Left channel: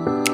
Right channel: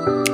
Hello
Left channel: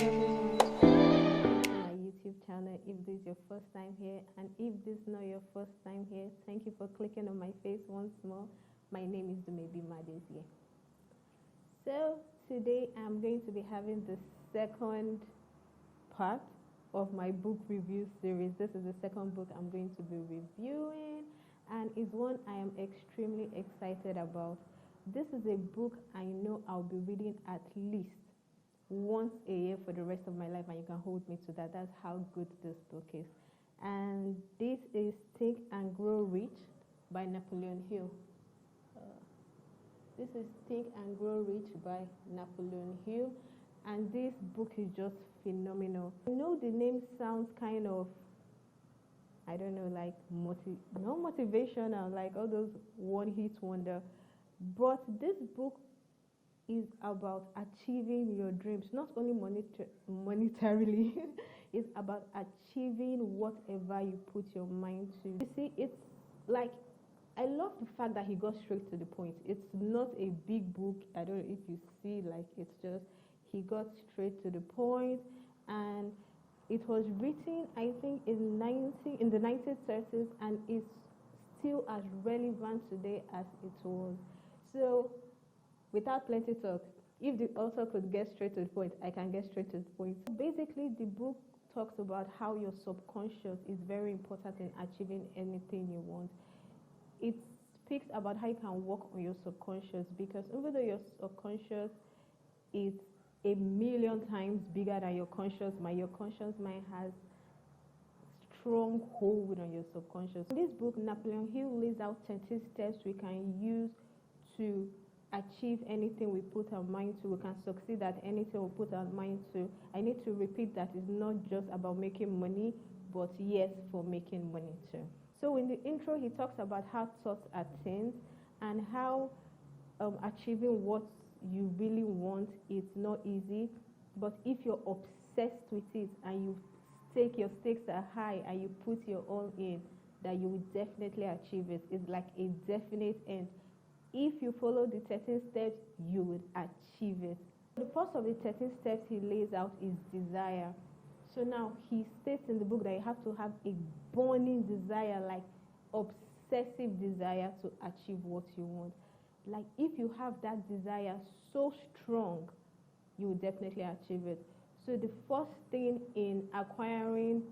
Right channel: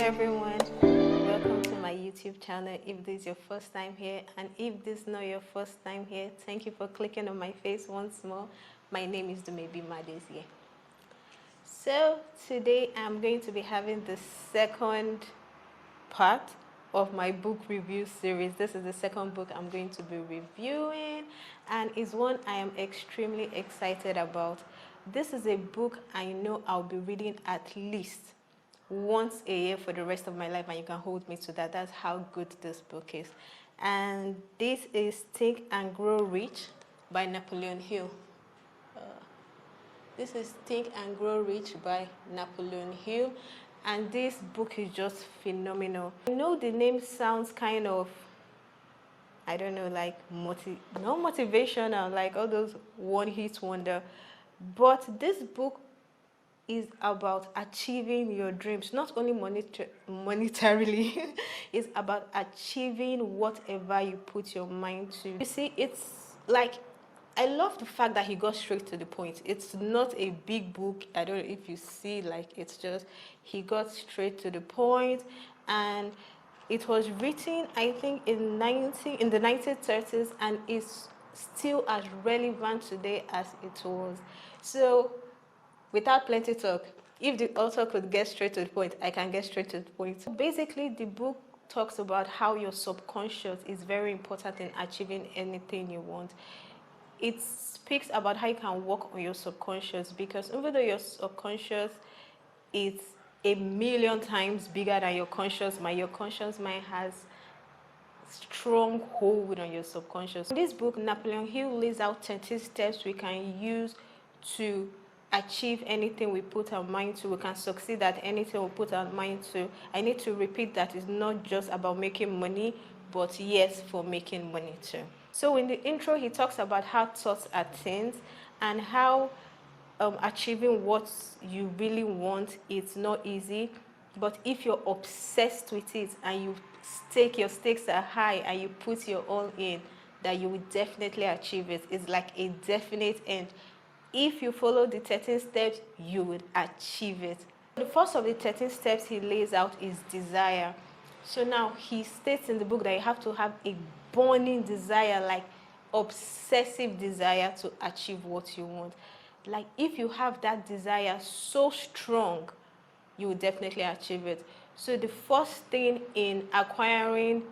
everyone, welcome to my YouTube channel. If this is your first time here, and if this is not your first time here, thank you for clicking on my face once more. My name is Dumebi Madezie. So today I'm going to be having the second part of my book review series. This is the second book I'm going to be reviewing, and is one I am extremely excited about. This is a book I know I'll be reading at least once a year for the rest of my life, and you can hold me to that. That's how good this book is. And this is Think and Grow Rich by Napoleon Hill. This is Think and Grow Rich by Napoleon Hill, and this book is just phenomenal. I know the name sounds kind of, I don't know, like not motivational, like all those one-hit wonder, but this book is about achieving your dreams, not only monetarily. It's about achieving whatever you put your mind to. You see, it's like, I love the fact that he got straight to the point. It's not a big book. I don't know if you see, like, it's just, he got straight to the point, and it was written, I think, in the 1930s, and is still as relevant today as it was. So without plenty talk, if the author could get straight to the point, I can get straight to the point. Basically, the book talks about how your subconscious is very important in achieving anything you want. It speaks about how you can work on your subconscious, because even though your subconscious is a million times bigger than your conscious mind has strong hold on your subconscious. In this book, Napoleon Hill lays out 30 steps we can use to achieve anything we put our mind to. We can succeed at anything we put our mind to. I need to repeat that it's not just about making money, but yes, for making money too. So in the intro, he talks about how thoughts are things, and how achieving what you really want is not easy. But if you're obsessed with it and you your stakes are high and you put your all in, that you will definitely achieve it. It's like a definite end. If you follow the 13 steps, you will achieve it. The first of the 13 steps he lays out is desire. So now he states in the book that you have to have a burning desire, like obsessive desire, to achieve what you want. Like, if you have that desire so strong, you will definitely achieve it. So the first thing in acquiring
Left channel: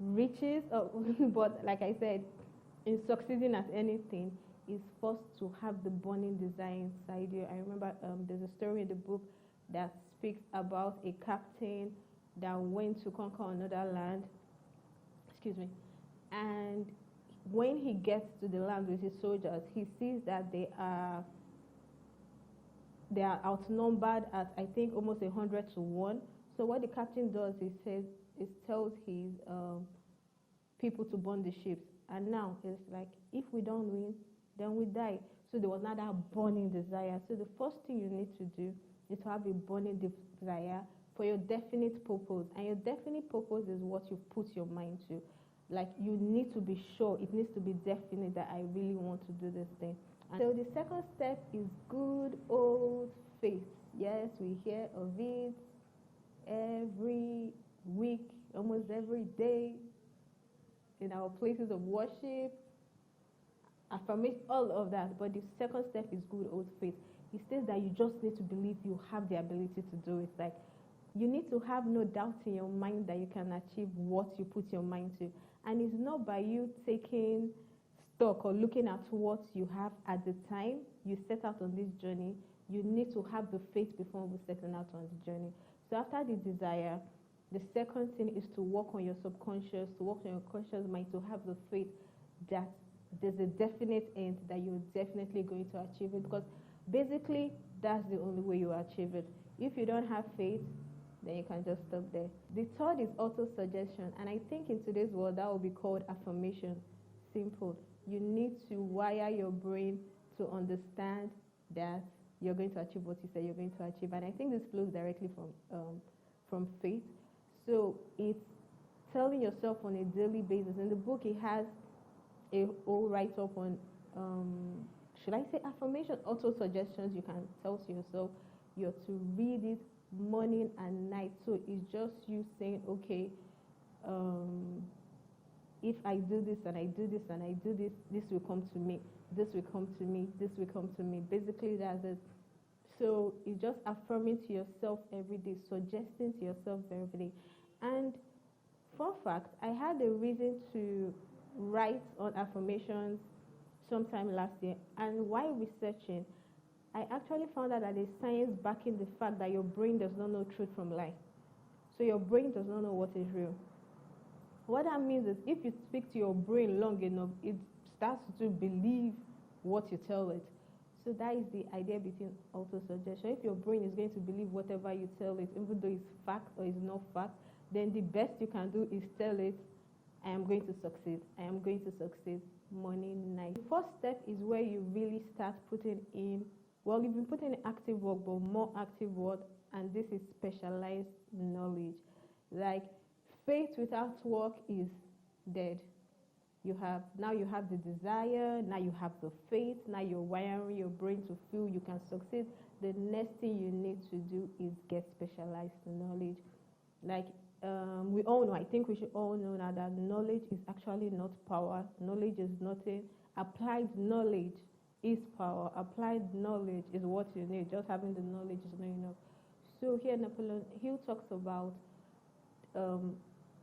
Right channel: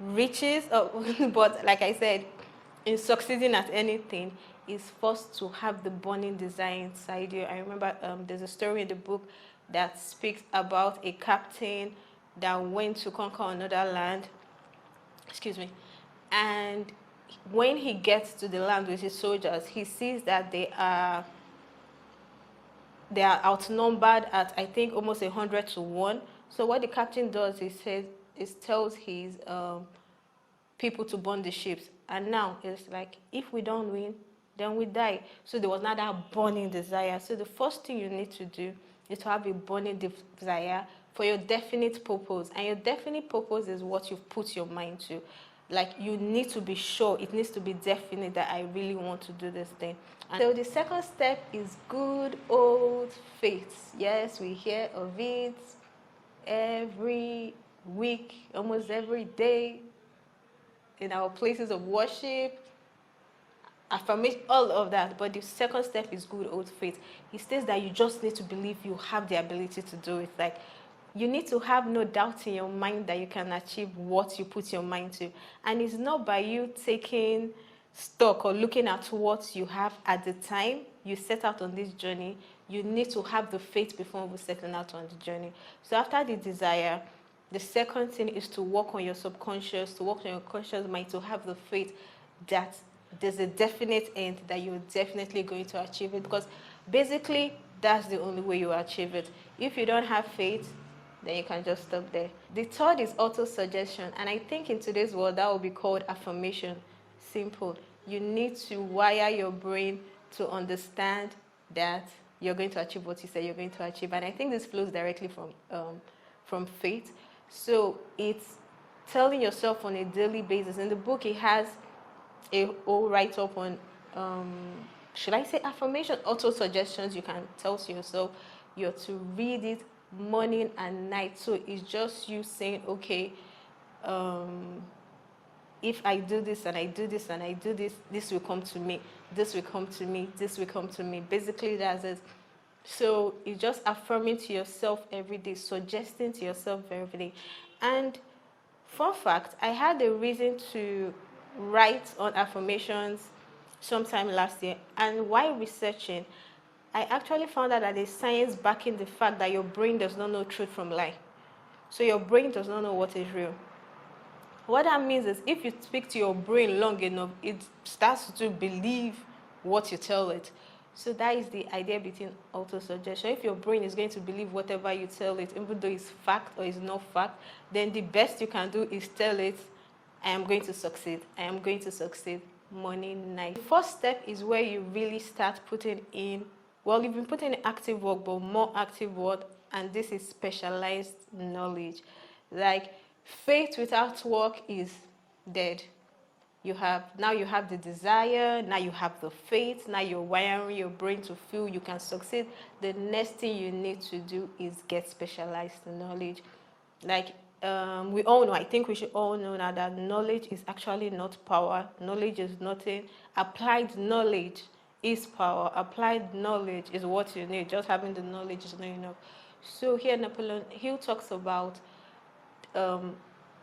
riches, but like I said, in succeeding at anything, is first to have the burning desire inside you. I remember there's a story in the book that speaks about a captain that went to conquer another land. Excuse me. And when he gets to the land with his soldiers, he sees that they are outnumbered at, I think, almost 100-1. So what the captain does, he tells his people to burn the ships. And now it's like, if we don't win, then we die. So there was not that burning desire. So the first thing you need to do is to have a burning desire for your definite purpose. And your definite purpose is what you've put your mind to. Like, you need to be sure, it needs to be definite that I really want to do this thing. And so the second step is good old faith. Yes, we hear of it every week, almost every day, in our places of worship, affirmation, all of that. But the second step is good old faith. He says that you just need to believe you have the ability to do it. Like, you need to have no doubt in your mind that you can achieve what you put your mind to. And it's not by you taking stock or looking at what you have at the time you set out on this journey. You need to have the faith before we settle out on the journey. So after the desire, the second thing is to work on your subconscious, to work on your conscious mind, to have the faith that there's a definite end, that you're definitely going to achieve it. Because basically, that's the only way you achieve it. If you don't have faith, then you can just stop there. The third is auto-suggestion. And I think in today's world, that will be called affirmation. Simple. You need to wire your brain to understand that you're going to achieve what you say you're going to achieve. And I think this flows directly from faith. So it's telling yourself on a daily basis. In the book, it has a whole write-up on should I say affirmation, auto suggestions you can tell to yourself. You're to read it morning and night. So it's just you saying, okay, if I do this and I do this and I do this, this will come to me, this will come to me, this will come to me. Basically, that's it. So it's just affirming to yourself every day, suggesting to yourself every day. And fun fact, I had a reason to write on affirmations sometime last year. And while researching, I actually found out that there's science backing the fact that your brain does not know truth from lie. So your brain does not know what is real. What that means is if you speak to your brain long enough, it starts to believe what you tell it. So that is the idea between auto-suggestion. If your brain is going to believe whatever you tell it, even though it's fact or it's not fact, then the best you can do is tell it, I am going to succeed. I am going to succeed morning, night. The first step is where you really start putting in, well, you've been putting in active work, but more active work, and this is specialized knowledge. Like faith without work is dead. You have the desire, now you have the faith, now you're wiring your brain to feel you can succeed. The next thing you need to do is get specialized knowledge. Like we all know, I think we should all know now that knowledge is actually not power. Knowledge is nothing. Applied knowledge is power. Applied knowledge is what you need. Just having the knowledge is not enough. So here Napoleon Hill talks about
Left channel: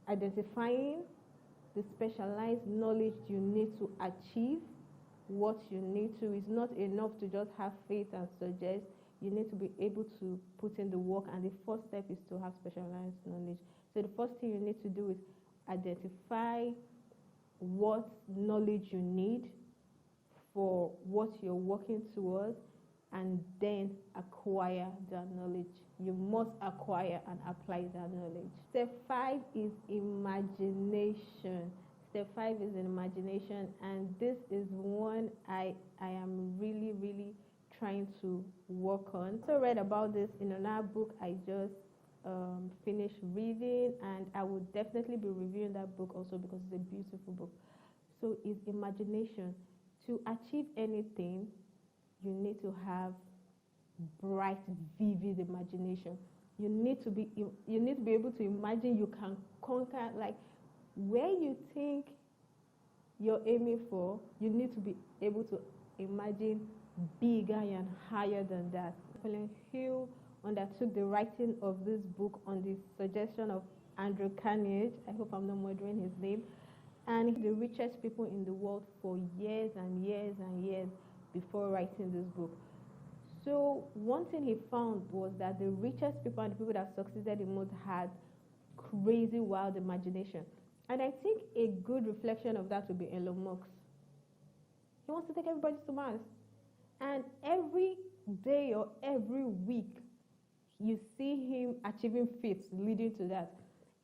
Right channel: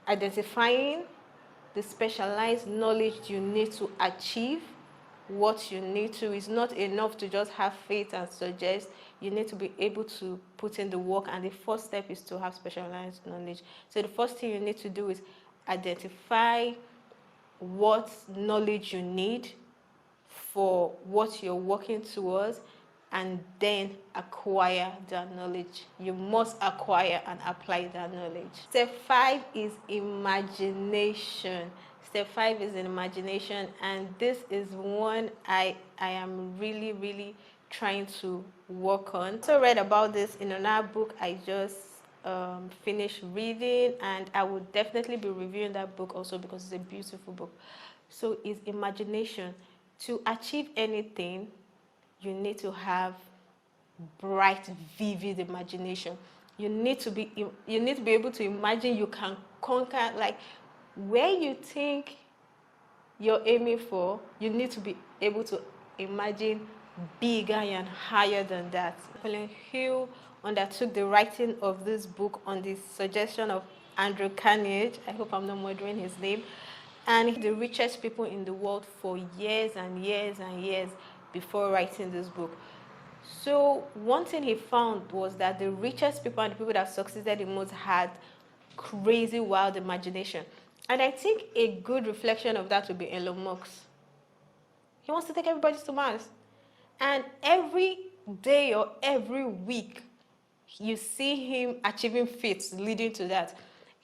identifying the specialized knowledge you need to achieve what you need to. It's not enough to just have faith and suggest. You need to be able to put in the work, and the first step is to have specialized knowledge. So the first thing you need to do is identify what knowledge you need for what you're working towards, and then acquire that knowledge. You must acquire and apply that knowledge. Step 5 is imagination. Step 5 is imagination, and this is one I am really trying to work on. So I read about this in another book I just finished reading, and I would definitely be reviewing that book also because it's a beautiful book. So it's imagination. To achieve anything, you need to have bright, vivid imagination. You need to be able to imagine you can conquer, like where you think you're aiming for, you need to be able to imagine bigger and higher than that. Napoleon Hill undertook the writing of this book on the suggestion of Andrew Carnegie. I hope I'm not murdering his name. And the richest people in the world for years and years and years before writing this book. So one thing he found was that the richest people and the people that succeeded the most had crazy, wild imagination. And I think a good reflection of that would be Elon Musk. He wants to take everybody to Mars. And every day or every week, you see him achieving feats leading to that.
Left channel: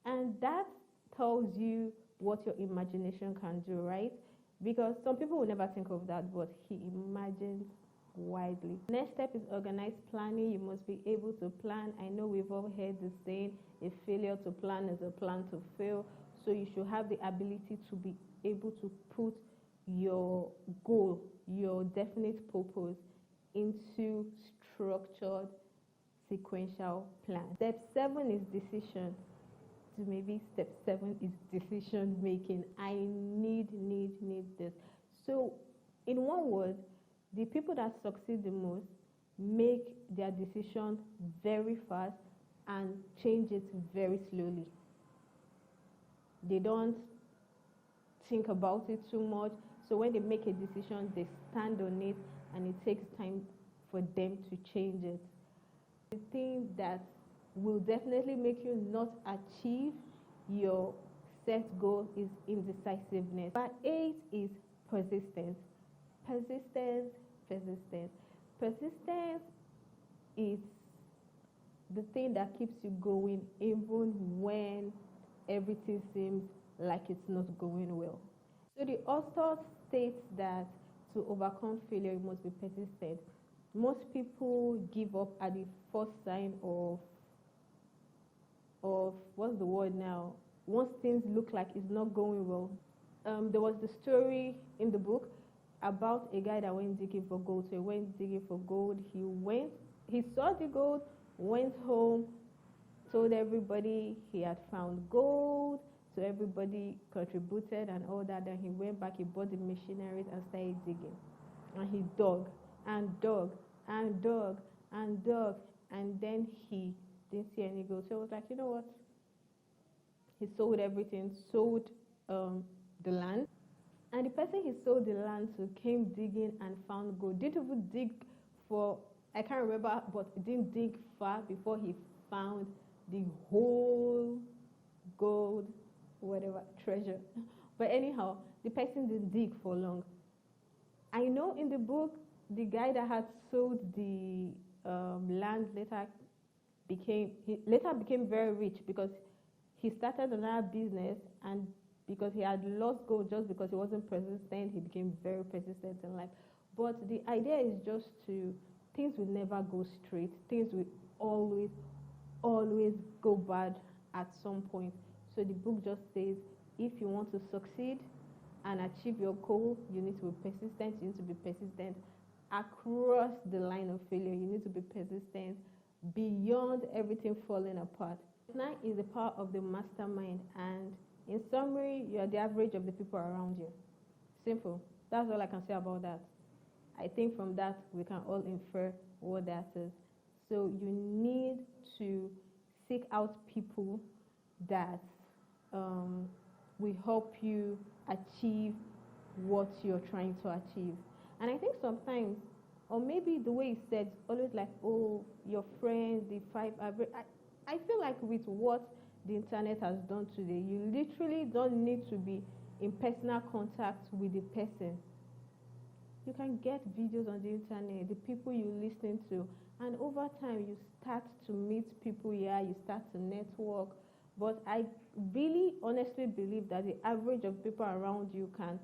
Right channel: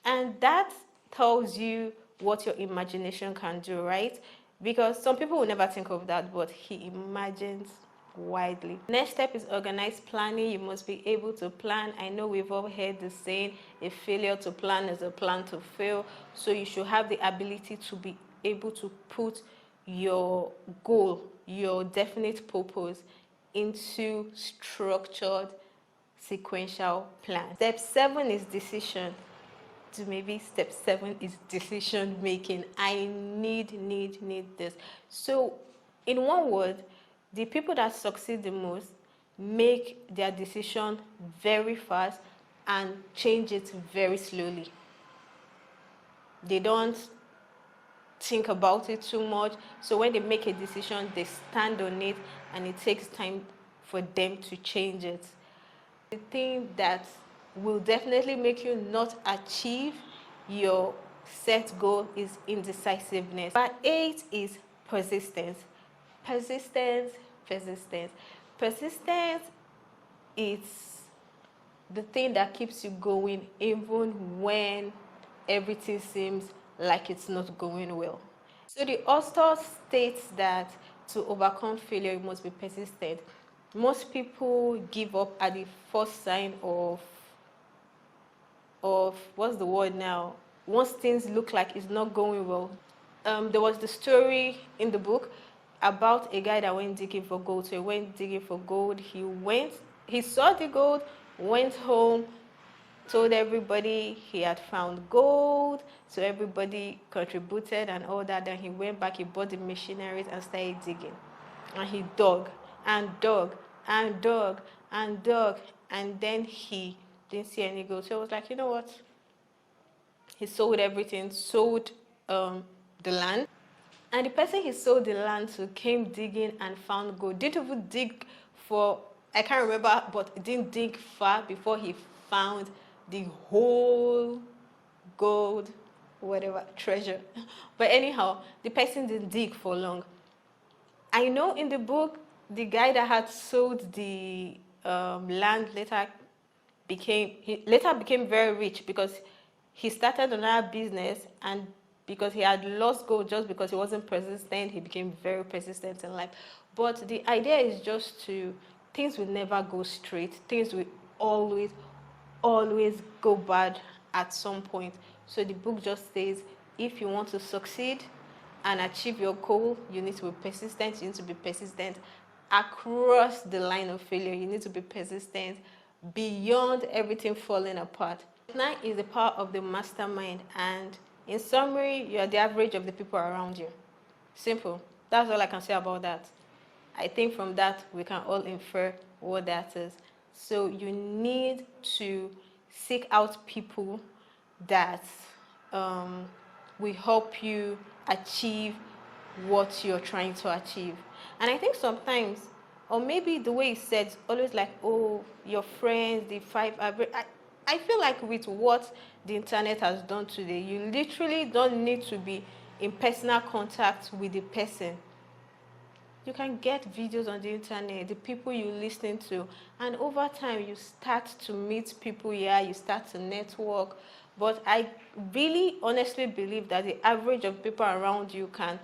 And that tells you what your imagination can do, right? Because some people will never think of that, but he imagines widely. Next step is organized planning. You must be able to plan. I know we've all heard the saying, a failure to plan is a plan to fail. So you should have the ability to be able to put your goal, your definite purpose into structured sequential plan. Step 7 is decision. So maybe step 7 is decision making. I need this. So in one word, the people that succeed the most make their decision very fast and change it very slowly. They don't think about it too much. So when they make a decision, they stand on it, and it takes time for them to change it. The thing that will definitely make you not achieve your set goal is indecisiveness. Number 8 is persistence. Persistence is the thing that keeps you going even when everything seems like it's not going well. So the author states that to overcome failure, you must be persistent. Most people give up at the first sign of what's the word now? Once things look like it's not going well. There was the story in the book. about a guy that went digging for gold. So he went digging for gold. He saw the gold, went home, told everybody he had found gold. So everybody contributed and all that. Then he went back, he bought the machineries and started digging. And he dug and dug and dug and dug. And then he didn't see any gold. So he was like, you know what? He sold everything, sold the land. And the person he sold the land to came digging and found gold. Didn't even dig for, I can't remember, but didn't dig far before he found the whole gold, whatever, treasure. But anyhow, the person didn't dig for long. I know in the book, the guy that had sold the land later became very rich because he started another business, and because he had lost gold just because he wasn't persistent, he became very persistent in life. But the idea is just things will never go straight. Things will always go bad at some point. So the book just says, if you want to succeed and achieve your goal, you need to be persistent. You need to be persistent across the line of failure. You need to be persistent beyond everything falling apart. 9 is the power of the mastermind, and in summary, you are the average of the people around you. Simple. That's all I can say about that. I think from that, we can all infer what that is. So you need to seek out people that will help you achieve what you're trying to achieve. And I think sometimes, or maybe the way it's said, always like, oh, your friends, the 5 average. I feel like with what the internet has done today, you literally don't need to be in personal contact with the person. You can get videos on the internet, the people you listen to, and over time you start to meet people here, you start to network. But I really honestly believe that the average of people around you can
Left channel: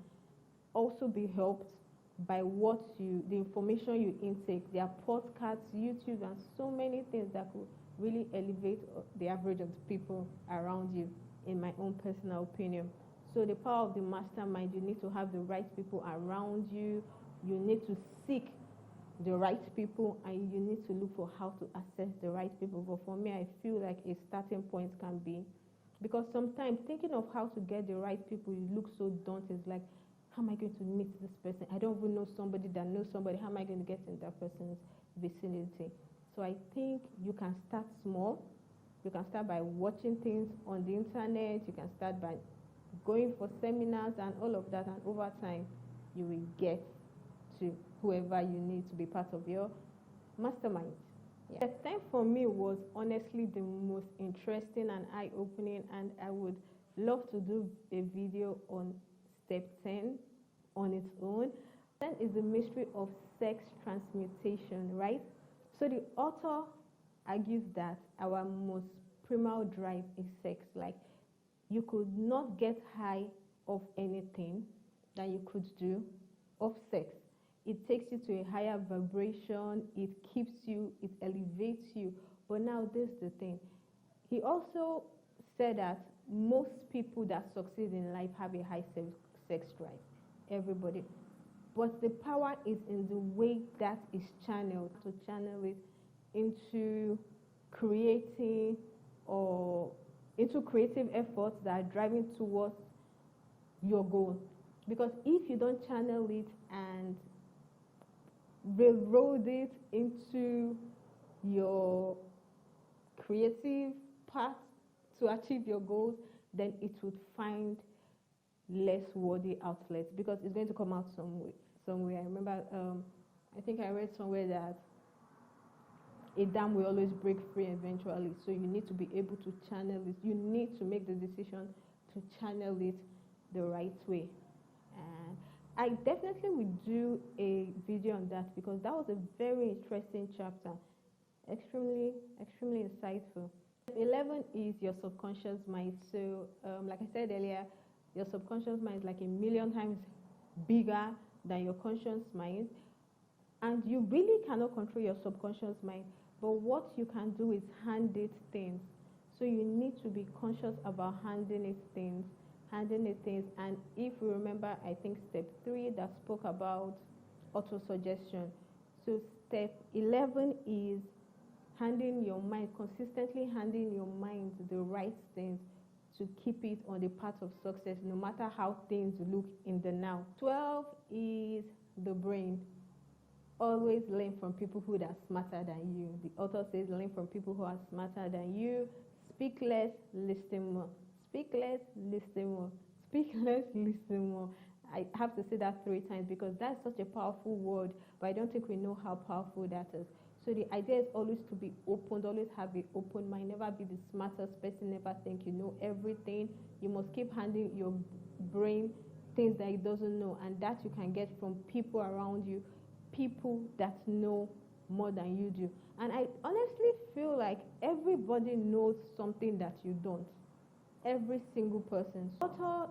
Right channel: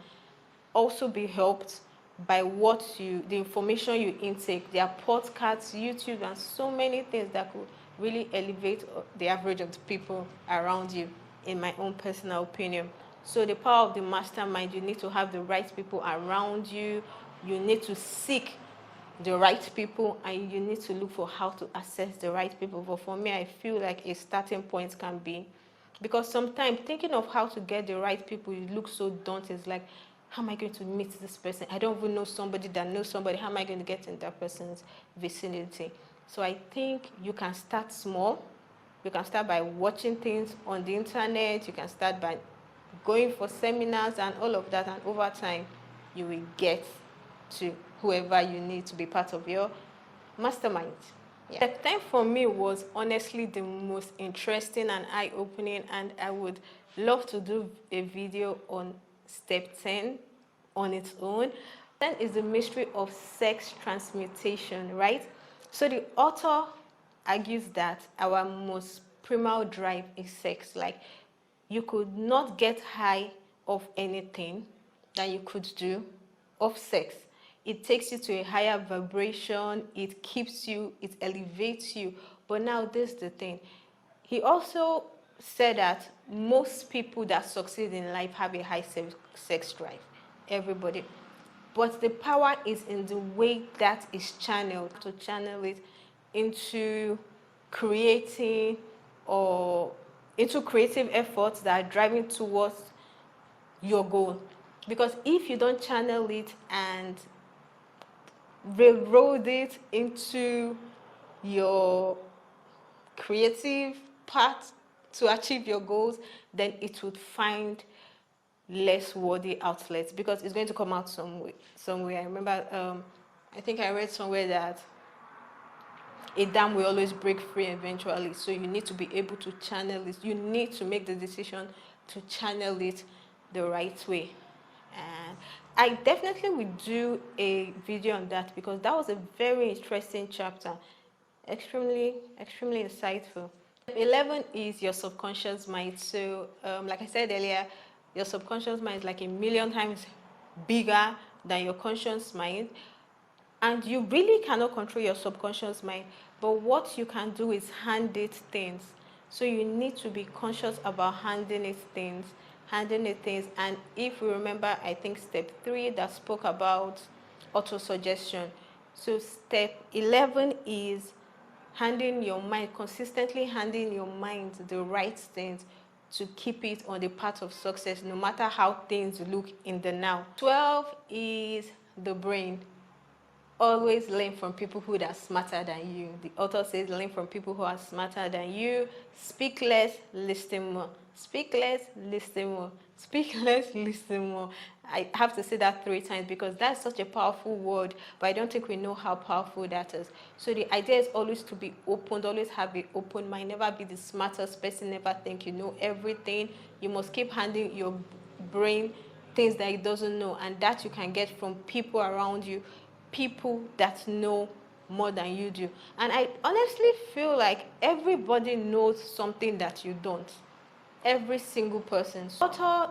also be helped by the information you intake. There are podcasts, YouTube, and so many things that could really elevate the average of the people around you, in my own personal opinion. So the power of the mastermind, you need to have the right people around you. You need to seek the right people, and you need to look for how to access the right people. But for me, I feel like a starting point can be, because sometimes thinking of how to get the right people, you look so daunting. It's like, how am I going to meet this person? I don't even know somebody that knows somebody. How am I going to get in that person's vicinity? So I think you can start small. You can start by watching things on the internet. You can start by going for seminars and all of that. And over time, you will get to whoever you need to be part of your mastermind. Yeah. Step 10 for me was honestly the most interesting and eye-opening, and I would love to do a video on step 10 on its own. 10 is the mystery of sex transmutation, right? So the author argues that our most primal drive is sex. Like, you could not get high of anything that you could do of sex. It takes you to a higher vibration, it keeps you, it elevates you. But now this is the thing. He also said that most people that succeed in life have a high sex drive. Everybody. But the power is in the way that is channeled, to channel it into creating or into creative efforts that are driving towards your goal. Because if you don't channel it and railroad it into your creative path to achieve your goals, then it would find less worthy outlets, because it's going to come out somewhere. I remember, I think I read somewhere that a dam will always break free eventually. So you need to be able to channel it. You need to make the decision to channel it the right way. And I definitely will do a video on that, because that was a very interesting chapter. Extremely insightful. 11 is your subconscious mind. So like I said earlier, your subconscious mind is like 1,000,000 times bigger than your conscious mind. And you really cannot control your subconscious mind. But what you can do is hand it things. So you need to be conscious about handing it things. handling things. And if we remember, I think step 3 that spoke about auto-suggestion. So step 11 is handing your mind, consistently handing your mind the right things to keep it on the path of success, no matter how things look in the now. 12 is the brain. Always learn from people who are smarter than you. The author says learn from people who are smarter than you. Speak less, listen more. Speak less, listen more. Speak less, listen more. I have to say that 3 times because that's such a powerful word, but I don't think we know how powerful that is. So the idea is always to be open, always have an open mind, never be the smartest person, never think you know everything. You must keep handing your brain things that it doesn't know, and that you can get from people around you, people that know more than you do. And I honestly feel like everybody knows something that you don't. Every single person. Author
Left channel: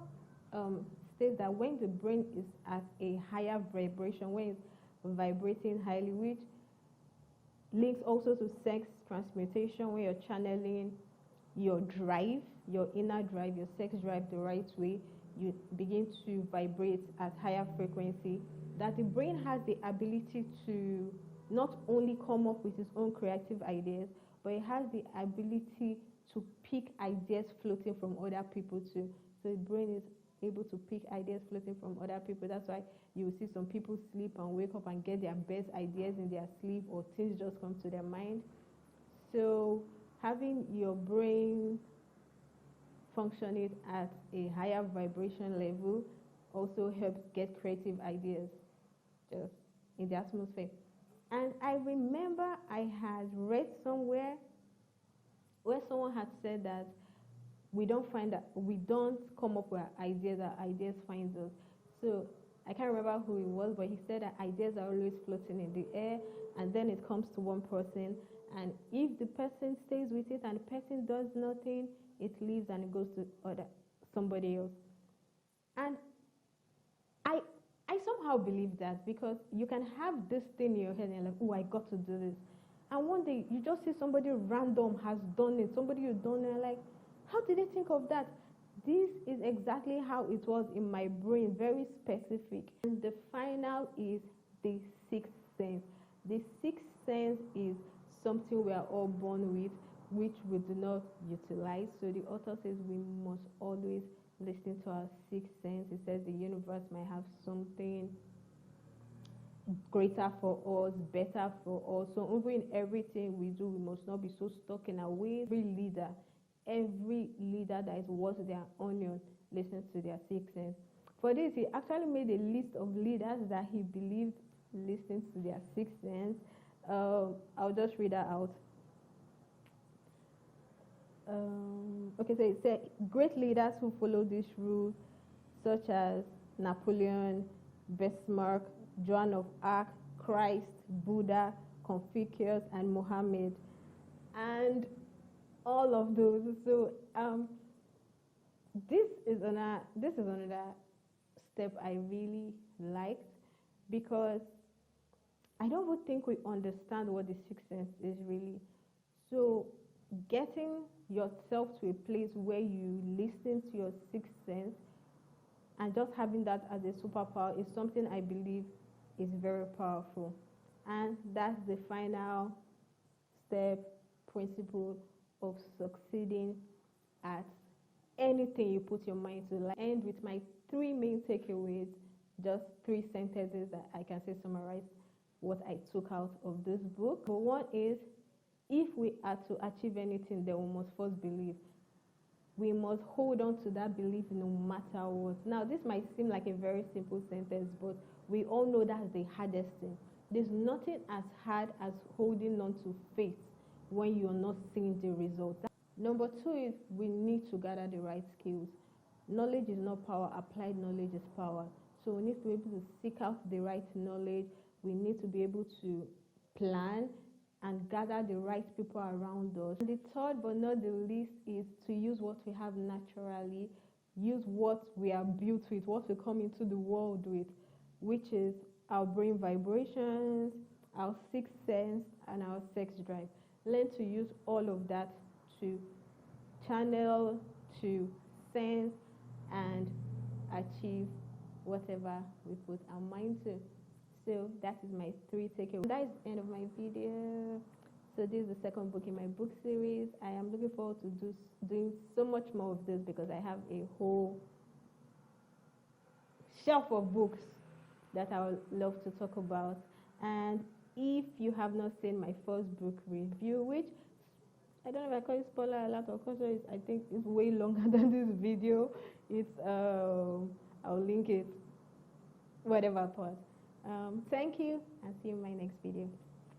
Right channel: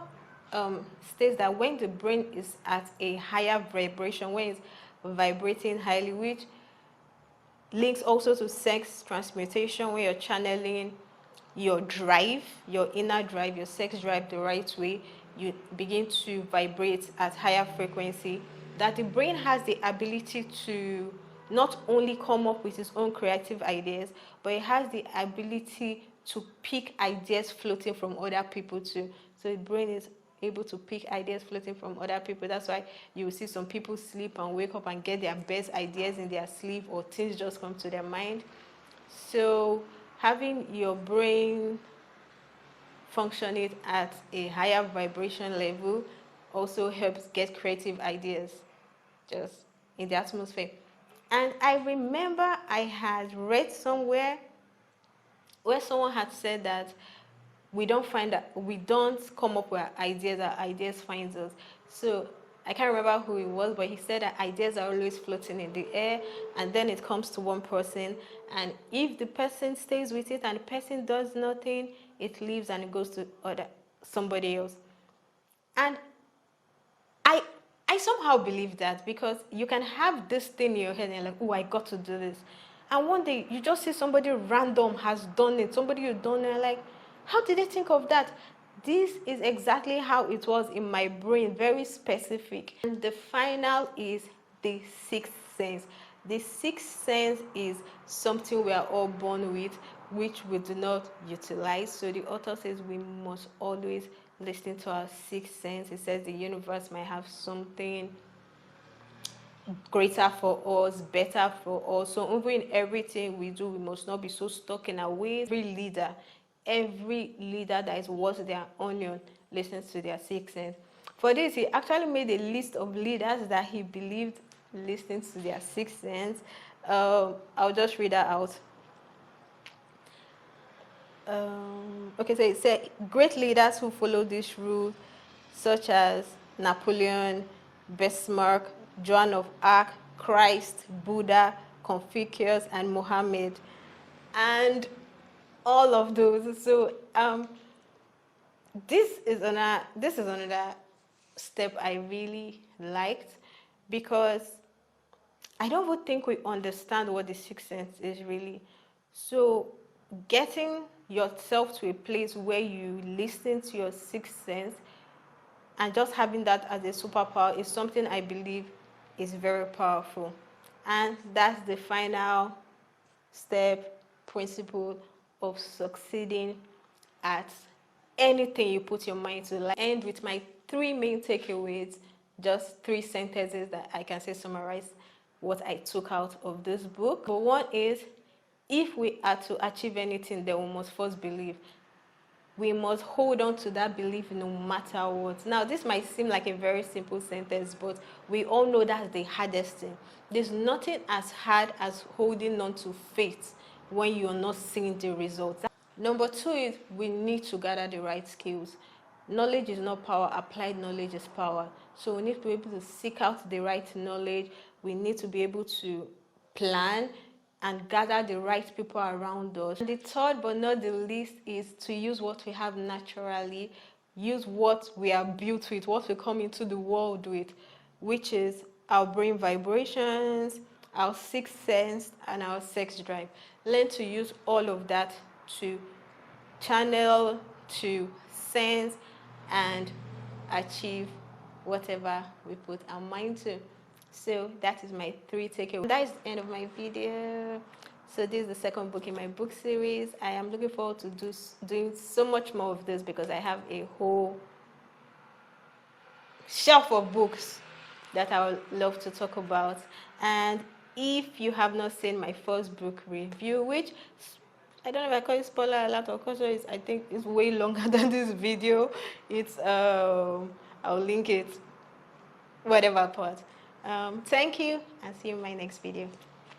states that when the brain is at a higher vibration, when it's vibrating highly, which links also to sex transmutation, when you're channeling your drive, your inner drive, your sex drive the right way, you begin to vibrate at higher frequency, that the brain has the ability to not only come up with its own creative ideas, but it has the ability to pick ideas floating from other people too. So the brain is able to pick ideas floating from other people. That's why you will see some people sleep and wake up and get their best ideas in their sleep, or things just come to their mind. So having your brain functioning at a higher vibration level also helps get creative ideas just in the atmosphere. And I remember I had read somewhere where someone had said that we don't come up with ideas, our ideas find us. So I can't remember who it was, but he said that ideas are always floating in the air, and then it comes to one person, and if the person stays with it and the person does nothing, it leaves and it goes to somebody else. And I somehow believe that, because you can have this thing in your head and you're like, oh, I got to do this. And one day you just see somebody random has done it, somebody you don't know, like, how did they think of that? This is exactly how it was in my brain, very specific. And the final is the sixth sense. The sixth sense is something we are all born with, which we do not utilize. So the author says we must always listen to our sixth sense. It says the universe might have something greater for us, better for us. So even in everything we do, we must not be so stuck in our ways. Every leader that is worth their onion listens to their sixth sense. For this, he actually made a list of leaders that he believed listened to their sixth sense. I'll just read that out. Okay, so it said great leaders who follow this rule, such as Napoleon, Bismarck, Joan of Arc, Christ, Buddha, Confucius, and Mohammed, and all of those. So this is another step I really liked, because I don't even think we understand what the sixth sense is really. So getting yourself to a place where you listen to your sixth sense and just having that as a superpower is something I believe is very powerful. And that's the final step, principle of succeeding at anything you put your mind to. Like, end with my 3 main takeaways, just 3 sentences that I can say summarize what I took out of this book. But one is, if we are to achieve anything, then we must first believe. We must hold on to that belief no matter what. Now, this might seem like a very simple sentence, but we all know that's the hardest thing. There's nothing as hard as holding on to faith when you're not seeing the results. Number 2 is we need to gather the right skills. Knowledge is not power, applied knowledge is power. So we need to be able to seek out the right knowledge. We need to be able to plan and gather the right people around us. And the third but not the least is to use what we have naturally, use what we are built with, what we come into the world with, which is our brain vibrations, our sixth sense, and our sex drive. Learn to use all of that to channel, to sense, and achieve whatever we put our mind to. So that is my 3 takeaways. That is the end of my video. So this is the second book in my book series. I am looking forward to doing so much more of this because I have a whole shelf of books that I would love to talk about. And if you have not seen my first book review, which I don't know if I call it spoiler alert or caution, I think it's way longer than this video. It's I'll link it, whatever part. Thank you, and see you in my next video.